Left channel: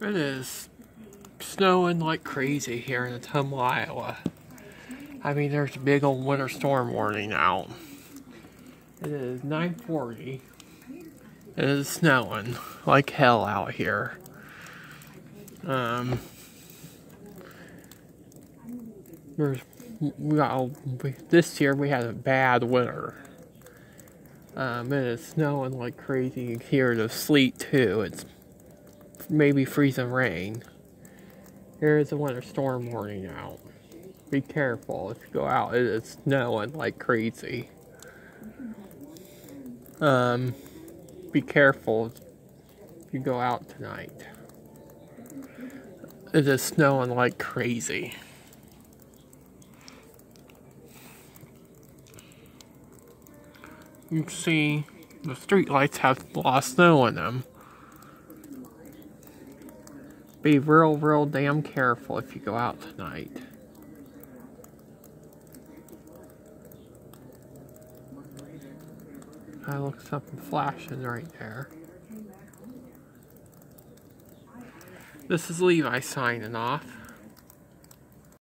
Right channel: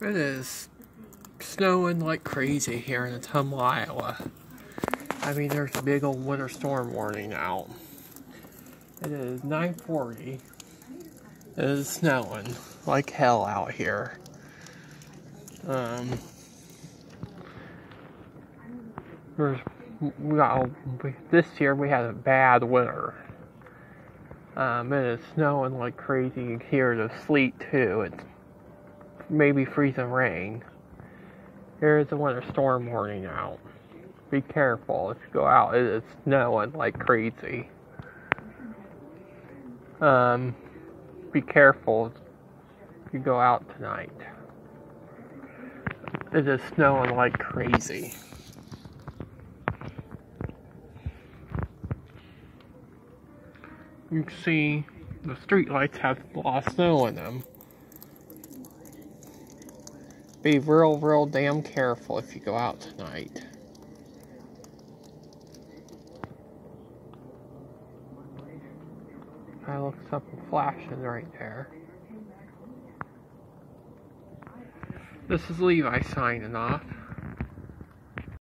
It is snowing like crazy here in Ottumwa, Iowa. I mean, there's a big old winter storm warning out. It is 9:40. It is snowing like hell out here. This year we had a bad winter. It is snowing like crazy. You can hear the sleet too. It's maybe freezing rain. There is a winter storm warning out. Be careful if you go out. It is snowing like crazy. Be careful if you go out tonight. It is snowing like crazy. You can see the street lights have a lot of snow in them. Be real damn careful if you go out tonight. I look something flashing right there. This is Levi signing off.